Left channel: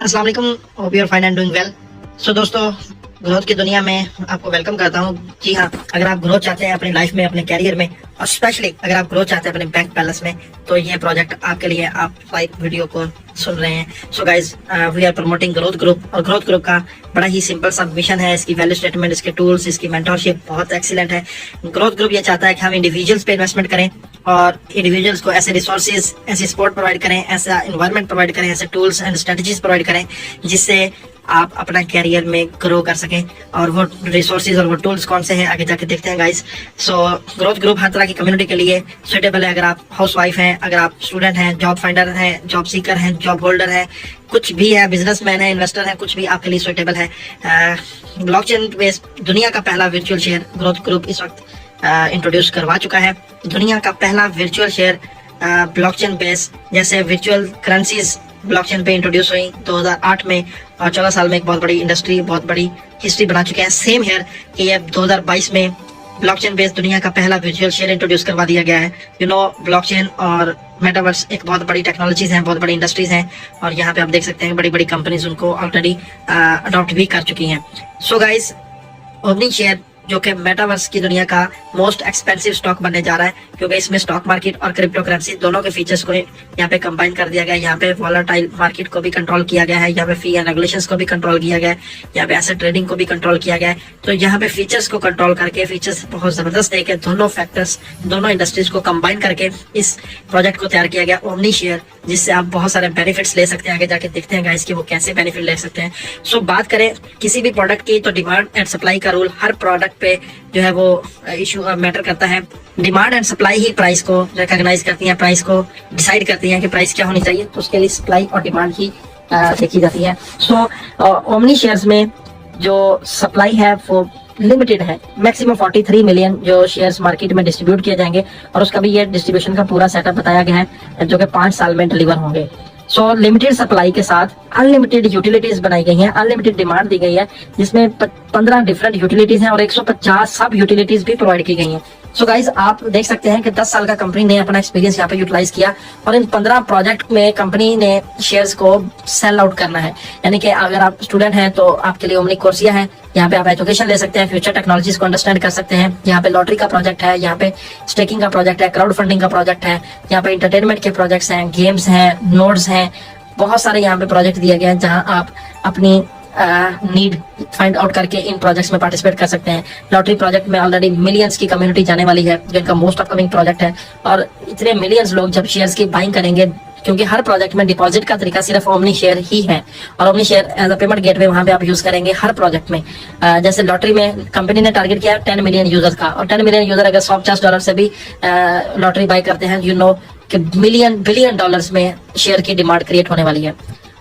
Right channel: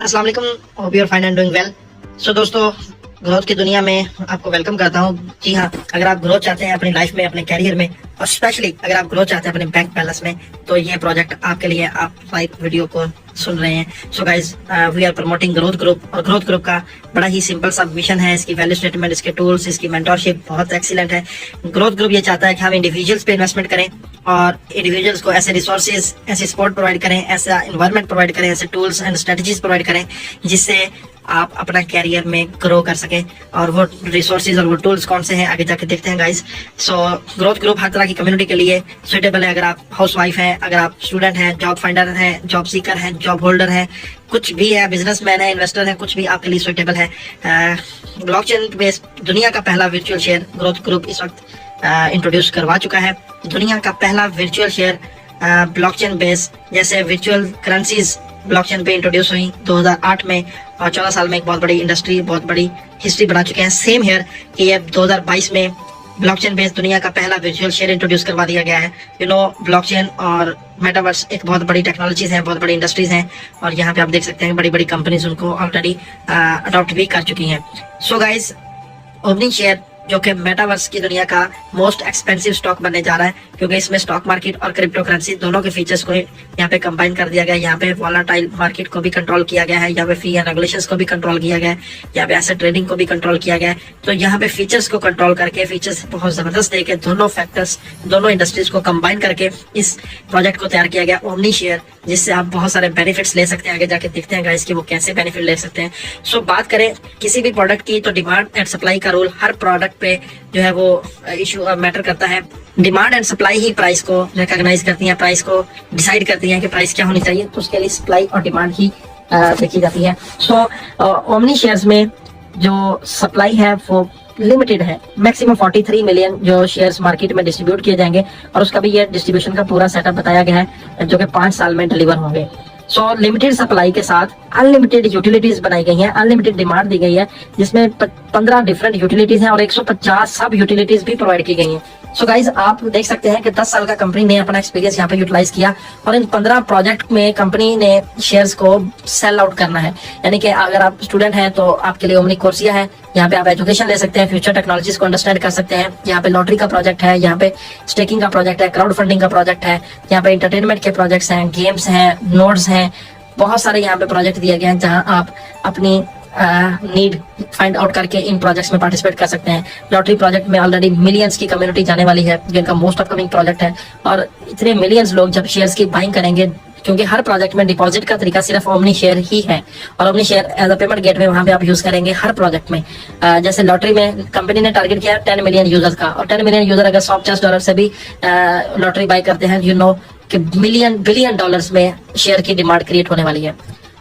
अस्सलाम वालेकुम, hope you are fine and doing well. So दोस्तों, ग्रोथ की दुनिया में आपको वेलकम करता हूँ। जी हाँ, अगर आप ग्रोथ चाहते हैं अपनी लाइफ में, अपने कैरियर में, और स्पेशली अगर आप ग्रोथ चाहते हैं अपने बैंक बैलेंस में, तो ये प्रोजेक्ट आपके लिए। आप लाइक वीडियो को सुन रहे हैं। So guys, we are promoting growth group, और ग्रोथ ग्रुप का बड़ा ही सिंपल सा विजन है। इसकी वैल्यू स्टेटमेंट, इसके टूल्स, इसकी मेंटरशिप बहुत एक्सीलेंट है। ग्रोथ ग्रुप ये चाहता है कि हम इंडिविजुअल्स पे इन्वेस्टमेंट करें और इंडिविजुअल्स को ऐसे रिसोर्सेज, ऐसे सपोर्ट प्रोवाइड करें, ऐसा इन्वायरमेंट प्रोवाइड करें, ऐसे टूल्स एंड स्ट्रेटजीज प्रोवाइड करें जिससे आप अपना कैरियर में ग्रो कर सके। और वो रिसोर्सेज और वो टूल्स कौन से हैं आगे जाके देखते हैं गाइस। सो ग्रोथ ग्रुप हर तरह की कम्युनिटी के लिए सुटेबल है। अगर आप हाउस वाइफ हैं, अगर आप स्टूडेंट हैं, जॉब फाइंडर हैं, जॉब सीकर हैं, जॉब होल्डर हैं, कुछ भी है, बिजनेसमैन है, इन्वेस्टर है, कुछ भी आपके लिए सुटेबल है। ब्लॉकचेन बेस्ड दुनिया का पहला वर्चुअल शेयर ग्रोथ ग्रुप इस वक्त इंट्रोड्यूस करवा चुका है। दुनिया का पहला वर्चुअल शेयर ब्लॉकचेन बेस्ड, जैसे वर्चुअल करेंसीज ब्लॉकचेन पे इंट्रोड्यूस हुई 2008 में, और 14 साल में एक बहुत बड़ी इंडस्ट्री, बहुत बड़ी हिस्ट्री बना चुके हैं। सेम हेयर कि ये 2022 में ब्लॉकचेन बेस्ड दुनिया का पहला वर्चुअल शेयर इंट्रोड्यूस करवा दिया गया है। ब्लॉकचेन और मेटावर्स एक बहुत बड़ी टेक्नोलॉजीज हैं, बहुत बड़ी इंडस्ट्रीज हैं, और यहाँ पे आप देख सकते हैं बड़ी बड़ी कंपनीज उनको ऑलरेडी अडॉप्ट भी कर चुकी हैं। सो गाइज, ओमनी शेयर जो कि मेटावर्स की दुनिया का मोस्ट एक्सपेंसिव स्टॉक बनने जा रहा है, क्योंकि इसमें स्टॉक मार्केट और क्रिप्टो करेंसी दोनों के फीचर्स को यहाँ पे कंबाइन कर दिया गया है। यहाँ पे वॉलेटाइल मार्केट को भी कंट्रोल किया गया है, यहाँ पे फी एंड रेगुलेशंस को भी कंट्रोल किया गया है, यहाँ पे एसेट ट्रेडिंग को भी कंट्रोल किया गया है। तो यहाँ पे फीचर्स को कंट्रोल करके, फीचर्स बहुत जबरदस्त देके, दोनों फैक्टर्स, दोनों इंडस्ट्रीज को कंबाइन करके इस प्रोजेक्ट को तैयार किया गया, ओमनी शेयर, जिससे आप बहुत सारे बेनिफिट्स ले सकते हैं। आगे जाके देखते हैं गाइस कि वो कैसे बेनिफिट ले सकते हैं। सो बात करें किसी भी प्रोडक्ट की, तो डिमांड एंड सप्लाई का रूल हर प्रोडक्ट पे जो है वो इशू मैटर करता है। Demand and supply he price को रिकॉग्नाइज करती है, प्राइस को डिसाइड करती है कि प्राइस क्या होनी चाहिए। तो उसके लिए सप्लाई और डिमांड ही देखी जाती है। सो ओमनी शेयर्स में जो सप्लाई है वो लिमिटेड है। मैक्सिमम 43 मिलियन जो शेयर्स मार्केट में डिस्ट्रीब्यूट किए जाएंगे, और उसका भी ये डिस्ट्रीब्यूशन का पूरा सेटअप बताया गया है, जो कि 5 साल में डिलीवर होंगे। सो लिमिटेड सप्लाई के साथ अनलिमिटेड यूटिलिटीज बनाई गई है, अनलिमिटेड डिमांड दी गई है, जिसमें 15 डिफरेंट यूटिलिटीज हैं और 150 सब यूटिलिटीज भी प्रोवाइड की गई हैं। सो गाइज, आप देख सकते हैं कि 10 साल का कंपनी ने अपना एक्सपीरियंस यहाँ पे यूटिलाइज किया, और इन 15 प्रोजेक्ट में कंपनी ने शेयर्स को सेल आउट करना है। यानी कि अगर आप स्टूडेंट हैं तो आपके लिए ओमनी कोर्सिया है, यहाँ पे आप एजुकेशन ले सकते हैं, फ्यूचर टेक्नोलॉजीज को अंडरस्टैंड कर सकते हैं। यहाँ पे लॉटरी का प्रोजेक्ट है, यहाँ पे स्टेकिंग का प्रोजेक्ट है, क्राउड फंडिंग का प्रोजेक्ट है, यहाँ पे एंटरटेनमेंट के प्रोजेक्ट्स हैं, गेम्स हैं, नोड्स हैं, बहुत सारे यहाँ पे प्रोजेक्ट दिए गए हैं जहाँ आप अपनी नीड फाइंड आउट करके इन प्रोजेक्ट्स में पार्टिसिपेट कर सकते हैं। लॉटरी प्रोजेक्ट में ऑलरेडी मिलियंस की कम्युनिटी जाने वाली है, जिनका मोस्ट अपकमिंग प्रोजेक्ट है, और इतने मिलियंस लोग जब शेयर्स की बाइंग करेंगे, क्योंकि हर प्रोजेक्ट में डिपॉजिट का तरीका सिर्फ ओमनी शेयर ही है, और omni share as a payment gateway वहां पे आप यूज करेंगे हर प्रोजेक्ट में। जैसे लॉटरी में कंपनी ने टारगेट किया 10 मिलियन यूजर्स का, और 10 मिलियन यूजर अगर $150 से भी लॉटरी बाई करते हैं, कि बिलियन डॉलर्स में शेयर की डिमांड क्रिएट होने वाली है।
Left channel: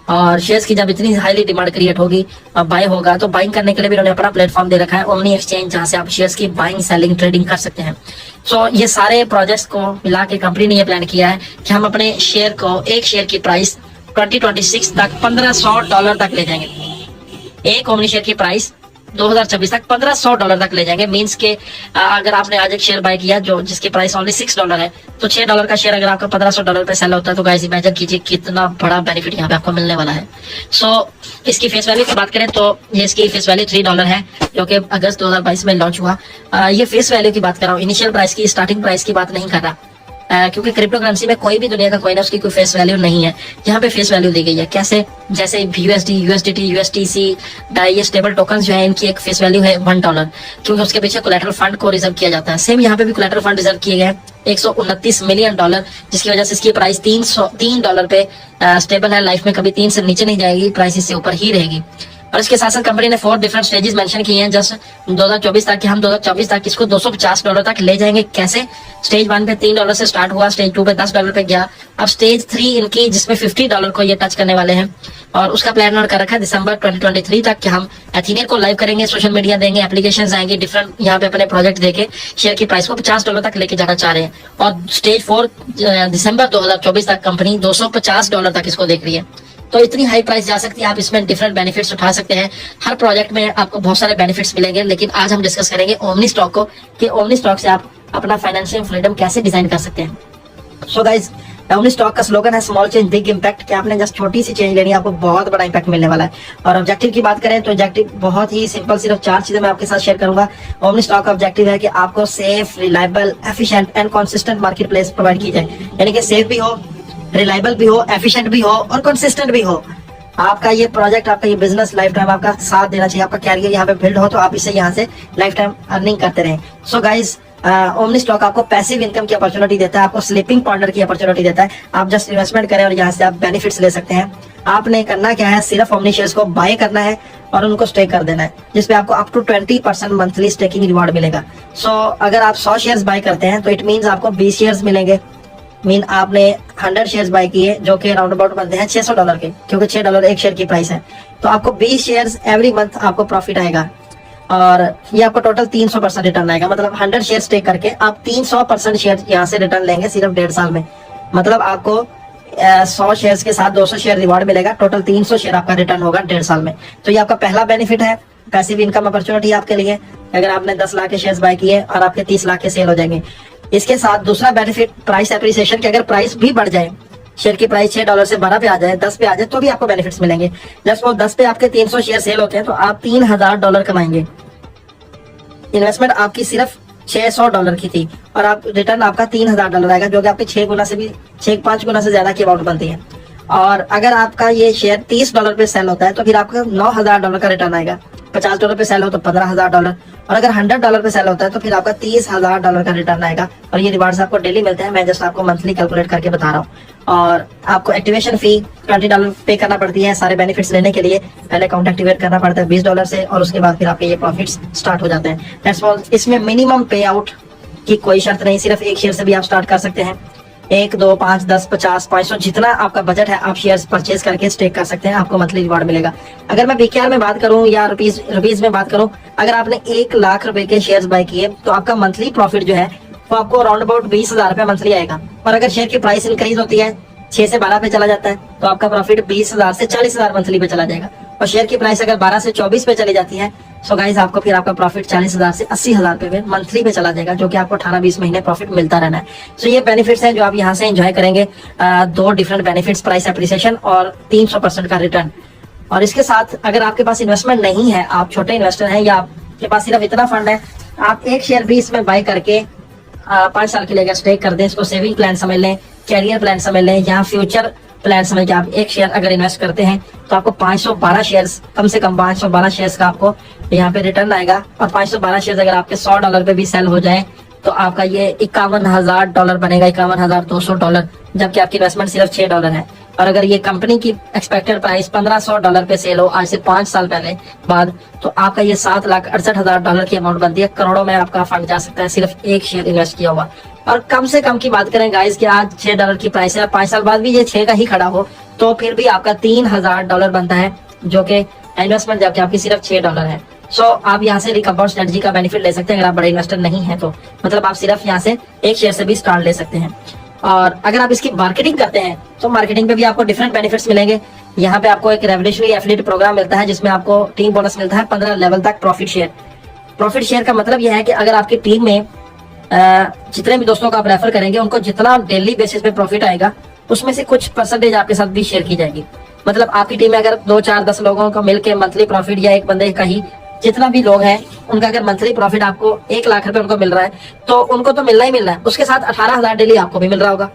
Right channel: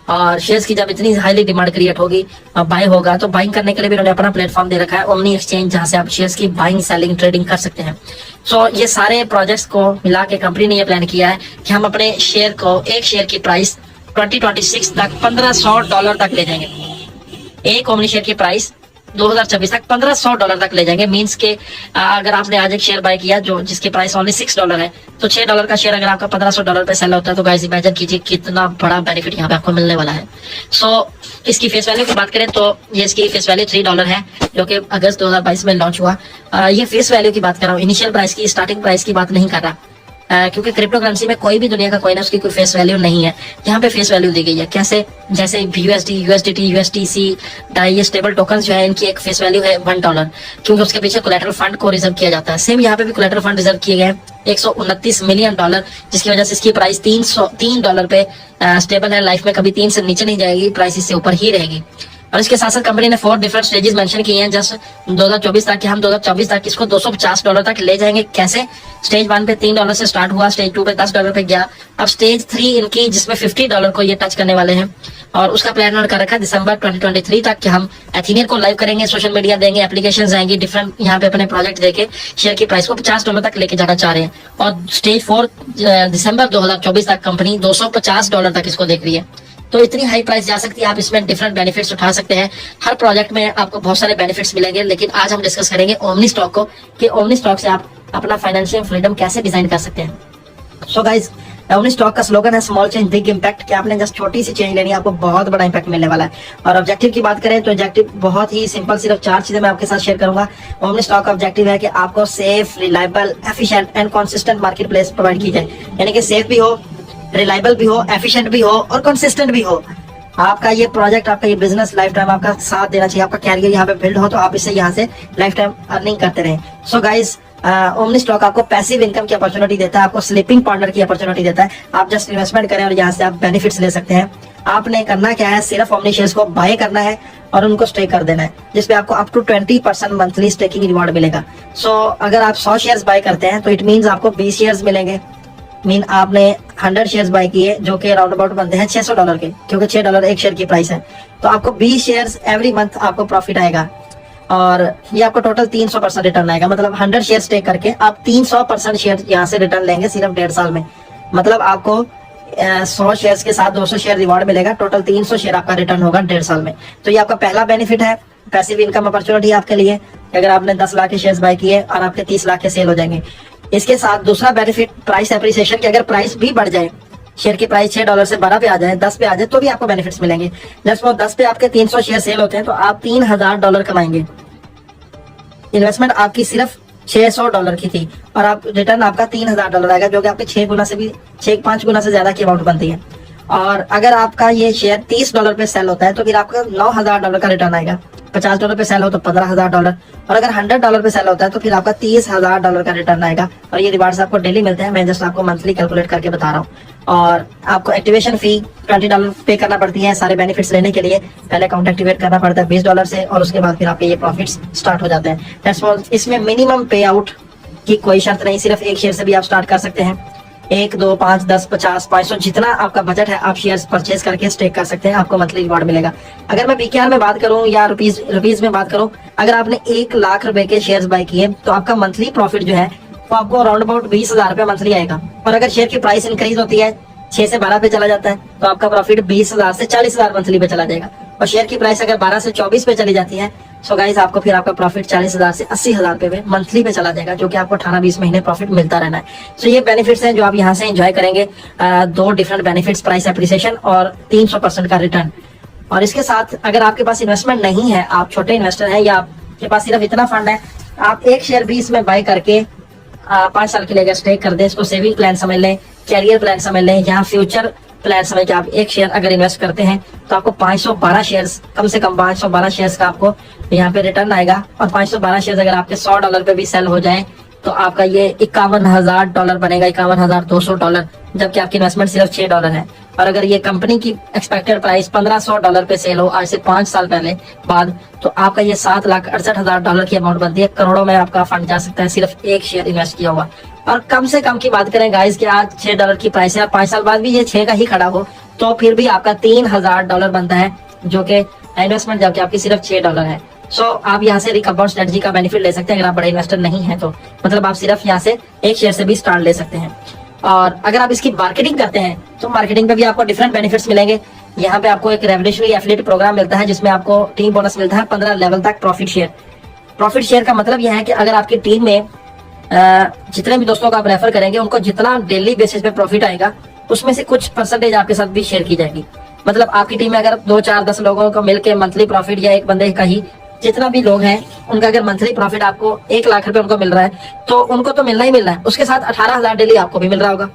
और शेयर्स की जब इतनी हाईली डिमांड क्रिएट होगी और बाइंग होगा, तो बाइंग करने के लिए भी उन्होंने अपना प्लेटफॉर्म दे रखा है, ओमनी एक्सचेंज, जहां से आप शेयर्स की बाइंग, सेलिंग, ट्रेडिंग कर सकते हैं। सो ये सारे प्रोजेक्ट्स को मिला के कंपनी ने ये प्लान किया है कि हम अपने शेयर को, एक शेयर की प्राइस 2026 तक $1500 तक ले जाएंगे। एक ओमनी शेयर की प्राइस 2026 तक $1500 तक ले जाएंगे। मींस के अगर आपने आज एक शेयर बाय किया जो जिसकी प्राइस ओनली $6 है, तो $6 का शेयर अगर आपका $1500 पे सेल होता है, तो गाइस इमेजिन कीजिए कितना बड़ा बेनिफिट यहाँ पे आपको मिलने वाला है। सो इसकी फेस वैल्यू की बात करें तो ये इसकी फेस वैल्यू $3 है, जो कि अगस्त 2022 में लॉन्च हुआ। ये फेस वैल्यू की बात कर रहा हूँ, इनिशियल प्राइस की, स्टार्टिंग प्राइस की बात नहीं कर रहा, क्योंकि क्रिप्टो करेंसी में कोई भी दुनिया का कोई ना उसकी कोई फेस वैल्यू नहीं है। यहाँ पे फेस वैल्यू दी गई है कैसे, जैसे USD, USDT, USTC, ये स्टेबल टोकन जो है, इनकी एक फेस वैल्यू है $1, क्योंकि उसके पीछे कोलैटरल फंड को रिजर्व किया जाता है। सेम यहाँ पे भी कोलैटरल फंड रिजर्व किए गए 129 मिलियन डॉलर, जिसकी वजह से इसकी प्राइस $3 पे स्टेबल है। लाइफ में कभी 3 से नीचे नहीं जाएगी, प्राइस इससे ऊपर ही रहेगी। और इसके साथ साथ कंपनी ने 4 डिफरेंट स्टेजेस मेंशन किए हैं, जस्ट 2024 तक, हम 2024 तक इसको $250 तक ले जाएंगे। कैसे? स्टेज 1 पे $3 से स्टार्ट हुआ, स्टेज 2 पे $10 पे गया, अब स्टेज 3 इनकी, जिसमें $50 को ये टच करने वाले हैं, और उसका प्लान कर रखा दिसंबर 2023 तक कि हम एथीनियम को लाइव करेंगे, सोशल मीडिया देंगे, एप्लीकेशन आएंगे, डिफरेंट यहाँ पे अपने प्रोजेक्ट देके शेयर की प्राइस को $50 तक लेके जाना चाह रहे हैं। और स्टेज 4 दिसंबर 2024 तक कंपनी $250 तक इसको देख रही है। तो इतनी हाई प्राइस जा सकती है, आप इसमें डिफरेंट बेनिफिट्स उठा सकते हैं। हर प्रोजेक्ट में आपको बहुत सारे बेनिफिट्स मिलेंगे, लेकिन आज हम डिस्कस करेंगे ओमनी स्टॉक को, कि ओमनी स्टॉक से आप अपना फाइनेंशियल फ्रीडम कैसे डिजाइन कर सकते हैं। सो गाइज, ओमनी स्टॉक का स्लोगन है स्मॉल चेंज बिग इम्पैक्ट, कि आपने जस्ट छोटी सी चेंज लेनी है, आपको बहुत बड़ा इम्पैक्ट मिलने वाला है। और ऑब्जेक्टिव की बात करें तो ऑब्जेक्टिव बहुत ही सिंपल, सिर्फ 4 चीजें मैं आपके साथ शेयर करूंगा। ओमनी स्टॉक का ऑब्जेक्टिव है कि आपको safe, reliable, efficient and consistent market place provide की जाए, यानी कि सेफ भी हो, रिलायबल भी हो, एफिशिएंट भी हो और कंसिस्टेंट भी हो। आपका ये प्रोजेक्ट, आपका ये बिजनेस लाइफ टाइम आपका साथ देना चाहिए, आपका कैरियर यहाँ पे बिल्ड हो तो आप इससे यहाँ से लाइफ टाइम अर्निंग करते रहें। सो गाइस, ओमनी स्टॉक आपको पैसिव इनकम की अपॉर्चुनिटी देता है, आपको स्लीपिंग पार्टनर की अपॉर्चुनिटी देता है। आप जस्ट इन्वेस्टमेंट करें और यहाँ से आप बेनिफिट्स ले सकते हैं। आपने करना क्या है, सिर्फ ओमनी शेयर्स को बाय करना है और उनको स्टेक कर देना है, जिसपे आपको up to 20% monthly staking reward मिलेगा। सो अगर आप 100 शेयर्स बाय करते हैं तो इट मीन्स आपको 20 शेयर्स मिलेंगे। मीन आपने 100 शेयर्स बाय किए जो कि राउंड अबाउट बनते हैं $600 के, क्योंकि $6 एक शेयर की प्राइस है। तो आपको 20 शेयर्स एवरी मंथ आपको प्रॉफिट आएगा और ये आपको टोटल 300% रिटर्न आएगा। मतलब 100 शेयर टेक करके आप 300% शेयर यहाँ से रिटर्न लेंगे सिर्फ 1.5 साल में। मतलब आपको 100 शेयर्स के साथ 200 शेयर रिवॉर्ड मिलेगा, टोटल 300 शेयर आपका रिटर्न होगा 1.5 साल में। तो ये आपका पहला बेनिफिट है, पैसिव इनकम अपॉर्चुनिटी आपके लिए। अगर आपने 10 लाख के शेयर्स बाय किए और आपके 30 लाख के सेल हो जाएंगे। इसके साथ दूसरा बेनिफिट प्राइस एप्रिसिएशन, की अगर प्राइस भी बढ़ जाए, शेयर की प्राइस $6 से 12 पे आ जाए, 10 पे आ जाए, तो भी आपको बेनिफिट्स मिलेंगे। जस्ट वो 10 पे आपके 300 शेयर सेल होते हैं तो आप $3000 कमाएंगे। इन्वेस्टमेंट आपकी सिर्फ $600 की थी और आप रिटर्न आपका $3000 आएगा, जो कि आपके 6 गुना से भी 6-5 गुना से ज्यादा की अमाउंट बनती है। और अगर आपका ये शेयर $30 पे सेल होता है तो फिर आपका $9000 का रिटर्न आएगा। $50 पे सेल हो तो $15000, और अगर $100 पे सेल होता है तो फिर आपका $30000 का रिटर्न आएगा। और ये रिवार्ड्स आपको डेली मिलते हैं, मैं जस्ट आपको मंथली कैलकुलेट करके बता रहा हूँ। और आपको एक्टिवेशन फी $20 पे करना पड़ती है सारे बेनिफिट्स लेने के लिए। पहले अकाउंट एक्टिवेट करना पड़ता है $20 से और उसके बाद फिर आपके ये प्रॉफिट्स स्टार्ट हो जाते हैं। इसमें मिनिमम पे आउट की कोई शर्त नहीं, सिर्फ एक शेयर से भी आप स्टार्ट कर सकते हैं। 1, 2, 5, 10, 50, 500 जितना आपका बजट है आप शेयर्स परचेज करके स्टेक कर सकते हैं, आपको मंथली रिवॉर्ड मिलेगा। अगर मैं पीकेआर में बात करूं या रुपीज में बात करूं, अगर आपने 1 लाख रुपए के शेयर्स बाय किए तो आपका मंथली प्रॉफिट जो है वो आपको अराउंड अबाउट 20,000 रुपए मंथली आएगा। और अगर शेयर की प्राइस इंक्रीज होती है, 6 से 12 पे चला जाता है, तो आपका प्रॉफिट 20,000 से 40,000 मंथली पे चला जाएगा। और शेयर की प्राइस अगर 12 से 24 पे चली जाती है, सो गाइस आपको फिर आपका प्रॉफिट 40,000 से 80,000 पे मंथली पे चला जाएगा, जो कि आपको 18-20 महीने प्रॉफिट मिलता रहना है। सो ये बेनिफिट्स हैं जो आप यहाँ से एंजॉय करेंगे। 2 डिफरेंट बेनिफिट्स, प्राइस एप्रिसिएशन और 300% का रिटर्न। और इसके साथ अगर आपके पास इन्वेस्टमेंट नहीं है, आप छोटे इन्वेस्टर हैं या आपके पास सिर्फ इतना फंड है, आप एक शेयर भी इसमें बाय करके 5 साल के लिए अगर स्टेक कर दें, इसको सेविंग प्लान समझ लें, कैरियर प्लान समझ लें या फ्यूचर प्लान समझ के आप एक शेयर अगर इन्वेस्ट करते हैं तो आपको 512 शेयर्स, कम से कम 512 शेयर्स का आपको यहाँ पे रिटर्न आएगा। और 512 शेयर्स अगर आपके $100 पे भी सेल हो जाए तो आपका ये $51,000 बनेगा, $51,200, जबकि आपकी इन्वेस्टमेंट सिर्फ $6 है। और अगर ये कंपनी की एक्सपेक्टेड प्राइस $1500 पे सेल हो आज से 5 साल पहले बाद, तो आपका ये $7,68,000 की अमाउंट बनती है। करोड़ों में आपका फंड जा सकता है सिर्फ एक शेयर इन्वेस्ट किया हुआ। और कम से कम की बात करें गाइस कि आज $6 की प्राइस है, 5 साल बाद भी ये 6 का ही खड़ा हो तो फिर भी आपका $3000 बनता है, जो कि इन्वेस्टमेंट जबकि आपकी सिर्फ $6 है। सो आप यहाँ से रिकम्पाउंड स्ट्रेटजी का बेनिफिट ले सकते हैं अगर आप बड़े इन्वेस्टर नहीं है तो। मतलब आप सिर्फ यहाँ से एक शेयर से भी स्टार्ट ले सकते हैं। और अगर आप इसकी मार्केटिंग करते हैं तो मार्केटिंग पे भी आपको डिफरेंट बेनिफिट्स मिलेंगे। यहाँ पे आपको एक रेवोल्यूशनरी एफिलिएट प्रोग्राम मिलता है जिसमें आपको टीम बोनस मिलता है 15 लेवल तक प्रॉफिट शेयर। प्रॉफिट शेयर का मतलब यह है कि अगर आपकी टीम में जितने भी दोस्तों को आप रेफर करेंगे उनको जितना डेली बेसिस पे प्रॉफिट आएगा उसमें से कुछ परसेंटेज आपके साथ भी शेयर की जाएगी। मतलब आपकी टीम में अगर 2, 4, 10 लोगों को मिलकर मंथली प्रॉफिट या एक बंदे का ही जितना भी लोग हैं उनका अगर मंथली प्रॉफिट आपको 1 लाख रुपए उनको मिल रहा है तो उनको तो मिलना ही मिलना है, उसके साथ 18,000 डेली आपको भी मिल रहा होगा।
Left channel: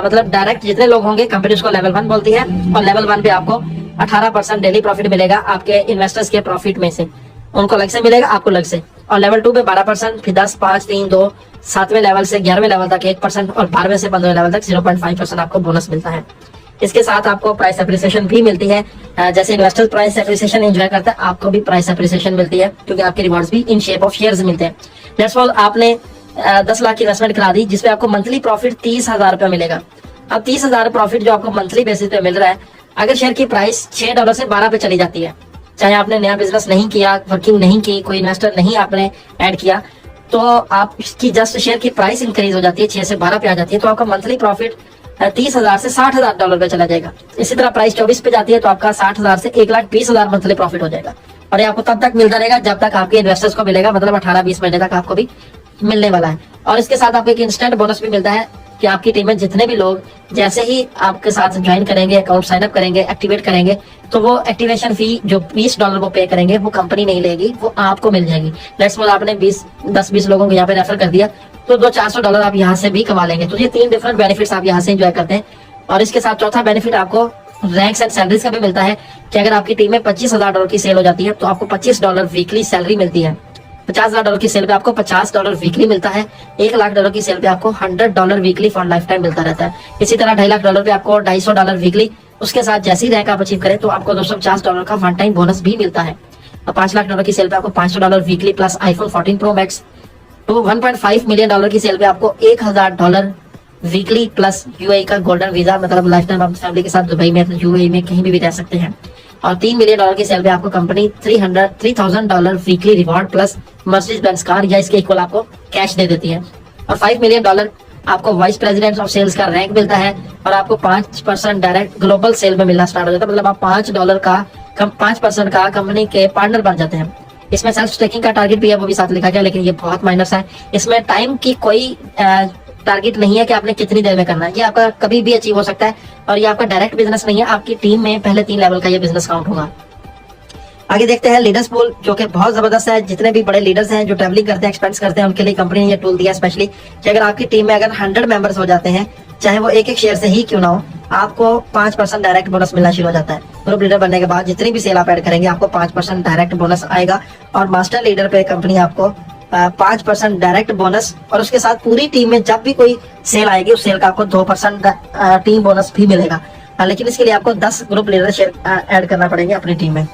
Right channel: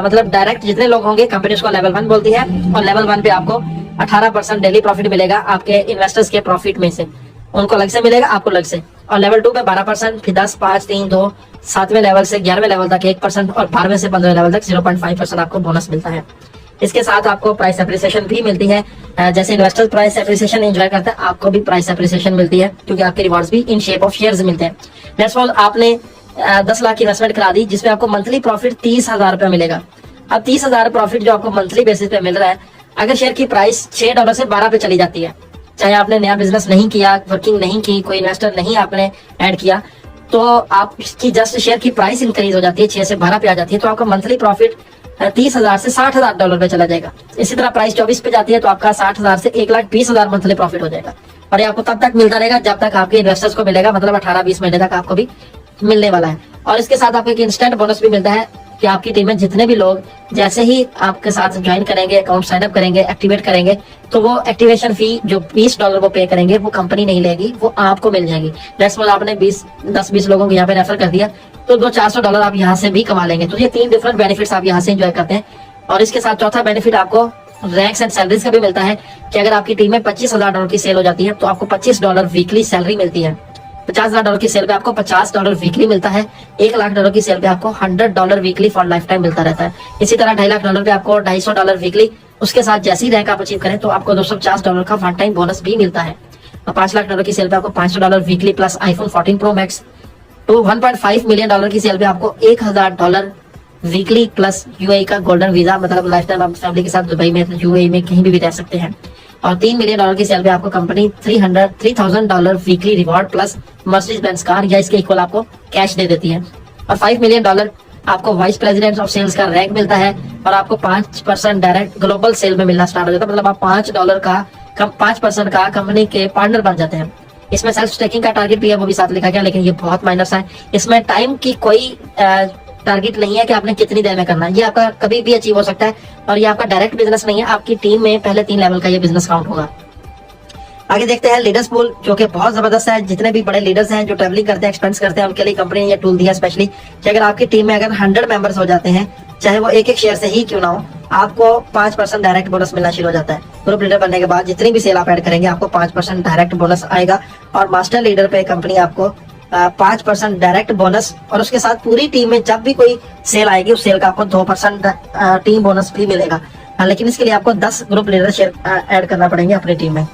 मतलब डायरेक्ट जितने लोग होंगे कंपनी उसको लेवल 1 बोलती है और लेवल 1 पे आपको 18% डेली प्रॉफिट मिलेगा आपके इन्वेस्टर्स के प्रॉफिट में से। उनको अलग से मिलेगा, आपको अलग से। और लेवल 2 पे 12%, फिर 10, 5, 3, 2, 7वें लेवल से 11वें लेवल तक 1% और 12वें से 15वें लेवल तक 0.5% आपको बोनस मिलता है। इसके साथ आपको प्राइस एप्रिसिएशन भी मिलती है। जैसे इन्वेस्टर प्राइस एप्रिसिएशन एंजॉय करते हैं, आपको भी प्राइस एप्रिसिएशन मिलती है क्योंकि आपके रिवॉर्ड्स भी इन शेप ऑफ शेयर्स मिलते हैं। दैट्स ऑल, आपने 10 लाख की इन्वेस्टमेंट करा दी जिसपे आपको मंथली प्रॉफिट 30,000 रुपया मिलेगा। अब 30,000 प्रॉफिट जो आपको मंथली बेसिस पे मिल रहा है, अगर शेयर की प्राइस $6 से 12 पे चली जाती है, चाहे आपने नया बिजनेस नहीं किया, वर्किंग नहीं की, कोई इन्वेस्टर नहीं आपने ऐड किया, तो आपकी जस्ट शेयर की प्राइस इंक्रीज हो जाती है, 6 से 12 पे आ जाती है, तो आपका मंथली प्रॉफिट 30,000 से $60,000 पे चला जाएगा। इसी तरह प्राइस 24 पे जाती है तो आपका 60,000 से 1,20,000 मंथली प्रॉफिट हो जाएगा। और ये आपको तब तक मिलता रहेगा जब तक आपके इन्वेस्टर्स को मिलेगा, मतलब 18-20 महीने तक आपको भी मिलने वाला है। और इसके साथ आपको एक इंस्टेंट बोनस भी मिलता है कि आपकी टीम में जितने भी लोग जैसे ही आपके साथ ज्वाइन करेंगे, अकाउंट साइन अप करेंगे, एक्टिवेट करेंगे, तो वो एक्टिवेशन फी जो $20 को पे करेंगे वो कंपनी नहीं लेगी, वो आपको मिल जाएगी। लेट्स सपोज आपने 10-20 लोगों को यहाँ पे रेफर कर दिया, तो $200-400 आप यहाँ से भी कमा लेंगे। तो ये 3 डिफरेंट बेनिफिट्स आप यहाँ से एंजॉय करते हैं। और इसके साथ चौथा बेनिफिट आपको रैंक्स एंड सैलरीज का भी मिलता है कि अगर आपकी टीम में $25,000 की सेल हो जाती है तो आपको $25 वीकली सैलरी मिलती है। $50,000 की सेल पे आपको $50 वीकली मिलता है। $1,00,000 की सेल पे आपको $100 वीकली फॉर लाइफ टाइम मिलता रहता है। इसी तरह $2.5 लाख पे आपको $250 वीकली। उसके साथ जैसी रैंक आप अचीव करें तो आपको $250 का वन टाइम बोनस भी मिलता है। और $5 लाख की सेल पे आपको $500 weekly plus iPhone 14 Pro Max। तो $1.5 मिलियन की सेल पे आपको $1,000 वीकली प्लस यूएई का गोल्डन वीजा, मतलब लाइफ टाइम आप फैमिली के साथ दुबई में, यूएई में कहीं भी रह सकते हैं। और $3 मिलियन की सेल पे आपको company $3,000 weekly reward plus Mercedes Benz car या इसके इक्वल आपको कैश दे देती है। और $5 मिलियन आपको वाइस प्रेसिडेंट ऑफ सेल्स का रैंक मिलता है और आपको 5% डायरेक्ट ग्लोबल सेल में मिलना स्टार्ट हो जाता है। मतलब आप $5 का कंपनी के पार्टनर बन जाते हैं। इसमें सेल्फ स्टेकिंग का टारगेट भी है, वो भी साथ लिखा गया, लेकिन ये बहुत माइनस है। इसमें टाइम की कोई टारगेट नहीं है कि आपने कितनी देर में करना है, ये आपका कभी भी अचीव हो सकता है। और ये आपका डायरेक्ट बिजनेस नहीं है, आपकी टीम में पहले 3 लेवल का ये बिजनेस काउंट होगा। आगे देखते हैं लीडर्स पूल, जो कि बहुत जबरदस्त है। जितने भी बड़े लीडर्स हैं जो ट्रैवलिंग करते हैं, एक्सपेंस करते हैं, उनके लिए कंपनी ने ये टूल दिया स्पेशली कि अगर आपकी टीम में अगर 100 मेंबर्स हो जाते हैं, चाहे वो एक शेयर से ही क्यों ना हो, आपको 5% डायरेक्ट बोनस मिलना शुरू हो जाता है। ग्रुप लीडर बनने के बाद जितनी भी सेल आप ऐड करेंगे आपको 5% डायरेक्ट बोनस आएगा। और मास्टर लीडर पे कंपनी आपको 5% डायरेक्ट बोनस, और उसके साथ पूरी टीम में जब भी कोई सेल आएगी उस सेल का आपको 2% टीम बोनस भी मिलेगा। लेकिन इसके लिए आपको 10 ग्रुप लीडर शेयर ऐड करना पड़ेंगे अपनी टीम में।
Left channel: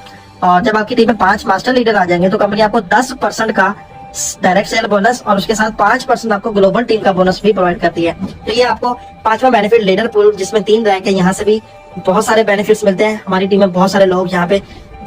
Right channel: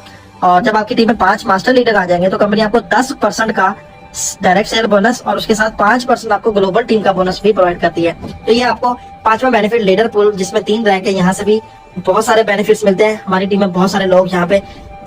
और जब आपकी टीम में 5 मास्टर लीडर आ जाएंगे तो कंपनी आपको 10% का डायरेक्ट सेल बोनस और उसके साथ 5% आपको ग्लोबल टीम का बोनस भी प्रोवाइड करती है। तो ये आपको 5वां बेनिफिट लीडर पूल, जिसमें 3 रैंक है, यहाँ से भी बहुत सारे बेनिफिट्स मिलते हैं। हमारी टीम में बहुत सारे लोग यहाँ पे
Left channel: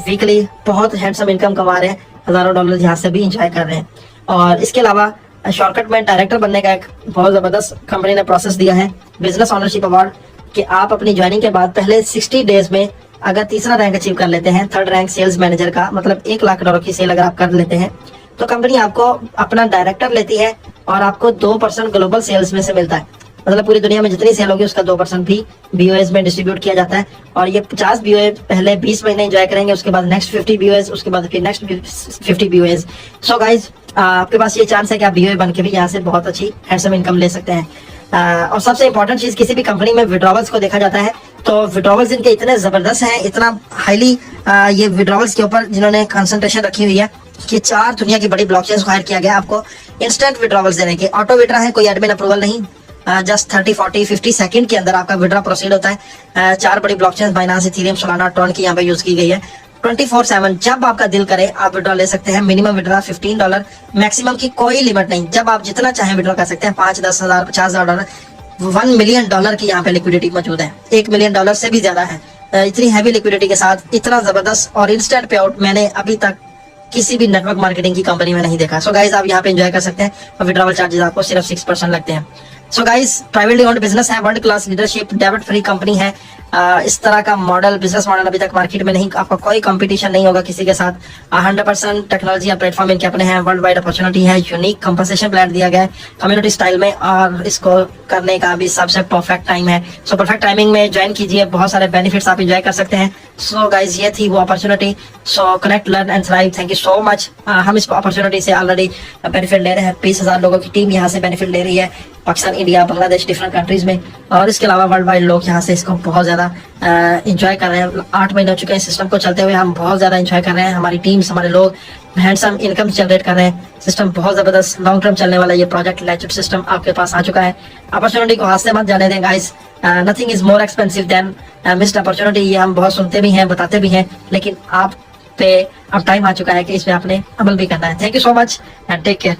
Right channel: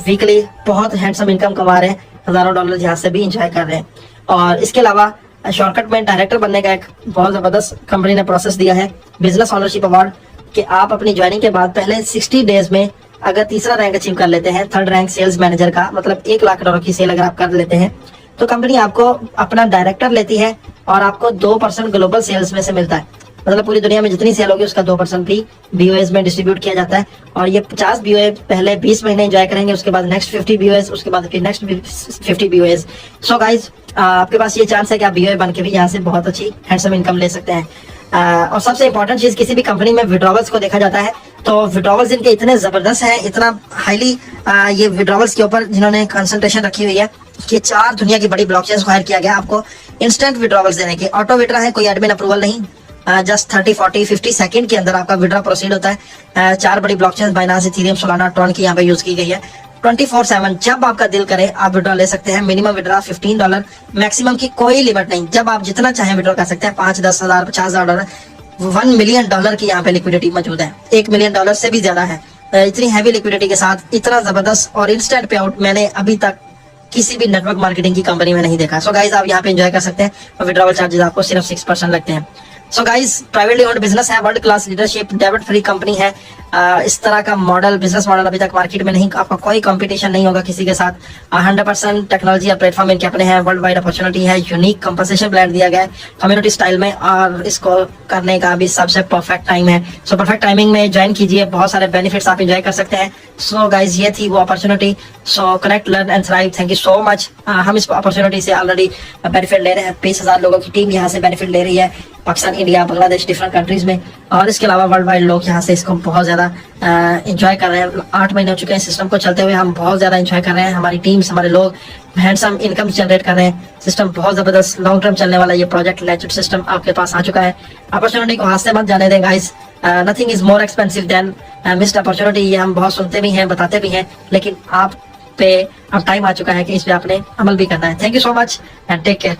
वीकली बहुत हैंडसम इनकम कमा रहे हैं, हजारों डॉलर यहाँ से भी इंजॉय कर रहे हैं। और इसके अलावा शॉर्टकट में डायरेक्टर बनने का एक बहुत जबरदस्त कंपनी ने प्रोसेस दिया है, बिजनेस ऑनरशिप अवार्ड, कि आप अपनी ज्वाइनिंग के बाद पहले 60 डेज में अगर तीसरा रैंक अचीव कर लेते हैं, 3rd रैंक सेल्स मैनेजर का, मतलब $1,00,000 की सेल अगर आप कर लेते हैं, तो कंपनी आपको अपना डायरेक्टर लेती है और आपको 2% ग्लोबल सेल्स में से मिलता है। मतलब पूरी दुनिया में जितनी सेल होगी उसका 2% भी बीओएस में डिस्ट्रीब्यूट किया जाता है। और ये 50 बीओए पहले 20 महीने एंजॉय करेंगे, उसके बाद नेक्स्ट 50 बीओएस, उसके बाद फिर नेक्स्ट 50 बीओएस। सो गाइज, आपके पास ये चांस है कि आप बीओए बन के भी यहाँ से बहुत अच्छी हैंडसम इनकम ले सकते हैं। और सबसे इंपॉर्टेंट चीज, किसी भी कंपनी में विड्रॉवल्स को देखा जाता है तो विड्रॉवल्स इनके इतने जबरदस्त हैं, इतना हाईली ये विड्रॉवल्स के ऊपर जिन्होंने कंसंट्रेशन रखी हुई है कि 4 दुनिया की बड़ी ब्लॉकचेन्स को हायर किया गया आपको इंस्टेंट विड्रॉवल्स देने के। ऑटो विड्रा है, कोई एडमिन अप्रूवल नहीं, जस्ट 30, 40, 50 सेकंड के अंदर आपका विड्रा प्रोसीड होता है। 4 बड़ी blockchains Binance, Ethereum, Solana, Tron की यहाँ पे यूज की गई है। 24/7 जब आपका दिल करे आप विड्रॉ ले सकते हैं। मिनिमम विड्रॉ $15, मैक्सिमम की कोई लिमिट नहीं, जब आप जितना चाहे विड्रॉ कर सकते हैं। 5, 10 हजार, $50,000, $1 मिलियन की यहाँ पे लिक्विडिटी मौजूद है। $1 मिलियन से भी ज्यादा है। इतनी हैवी लिक्विडिटी के साथ इतना जबरदस्त और इंस्टेंट पे आउट मैंने अभी तक किसी भी नेटवर्क मार्केटिंग की कंपनी में नहीं देखा। सो गाइज, आप यहाँ पे एंजॉय कर सकते हैं और विड्रॉवल चार्जेस आपको सिर्फ 6% लगते हैं। So guys, privately owned business है, world class leadership, debit free company है। इस तरह का मॉडल, बिजनेस मॉडल अभी तक मार्केट में नहीं, आपका कोई कंपटीशन नहीं होगा किसी के साथ। 100% टेक्नोलॉजी और प्लेटफॉर्म इनके अपने हैं, वर्ल्ड वाइड अपॉर्चुनिटी है, यूनिक कंपनसेशन प्लान दिया गया है कम्युनिटी स्टाइल में, और इसको करने का भी सबसे परफेक्ट टाइम है। सो परफेक्ट टाइमिंग में ज्वाइन कीजिए, बहुत सारे बेनिफिट्स आप एंजॉय कर सकते हैं। सो गाइज, ये थी वो opportunity. So connect, learn and thrive. Thank you so much. हम इस अपॉर्चुनिटी से ऑलरेडी बेनिफिट ले रहे हैं। 20,000 लोगों की टीम यहाँ से बेनिफिट ले रही है, Pakistan, India, Bangladesh, different countries में। और इसके अलावा वर्ल्ड वाइड लोग यहाँ से इसको बहुत ज्यादा एंजॉय कर रहे हैं। 8 महीने हो चुके हैं सिस्टम को चलते हुए, हम बहुत ज्यादा एंजॉय कर रहे हैं। हमारी टीम्स, हमारे लोग हैंडसम इनकम जनरेट कर रहे हैं। सिस्टम बहुत जबरदस्त, लॉन्ग टर्म चलने वाला ये प्रोजेक्ट लेजिट सिस्टम आपके पास आ चुका है। अपॉर्चुनिटी को हाथ से मत जाने दें guys. Nothing is more expensive than missed opportunity. ये हम बहुत सुनते भी हैं, बताते भी हैं, लेकिन आप पे अब टाइम आ चुका है कि इस पे आपने अमल भी करना है। Thank you so much and take care.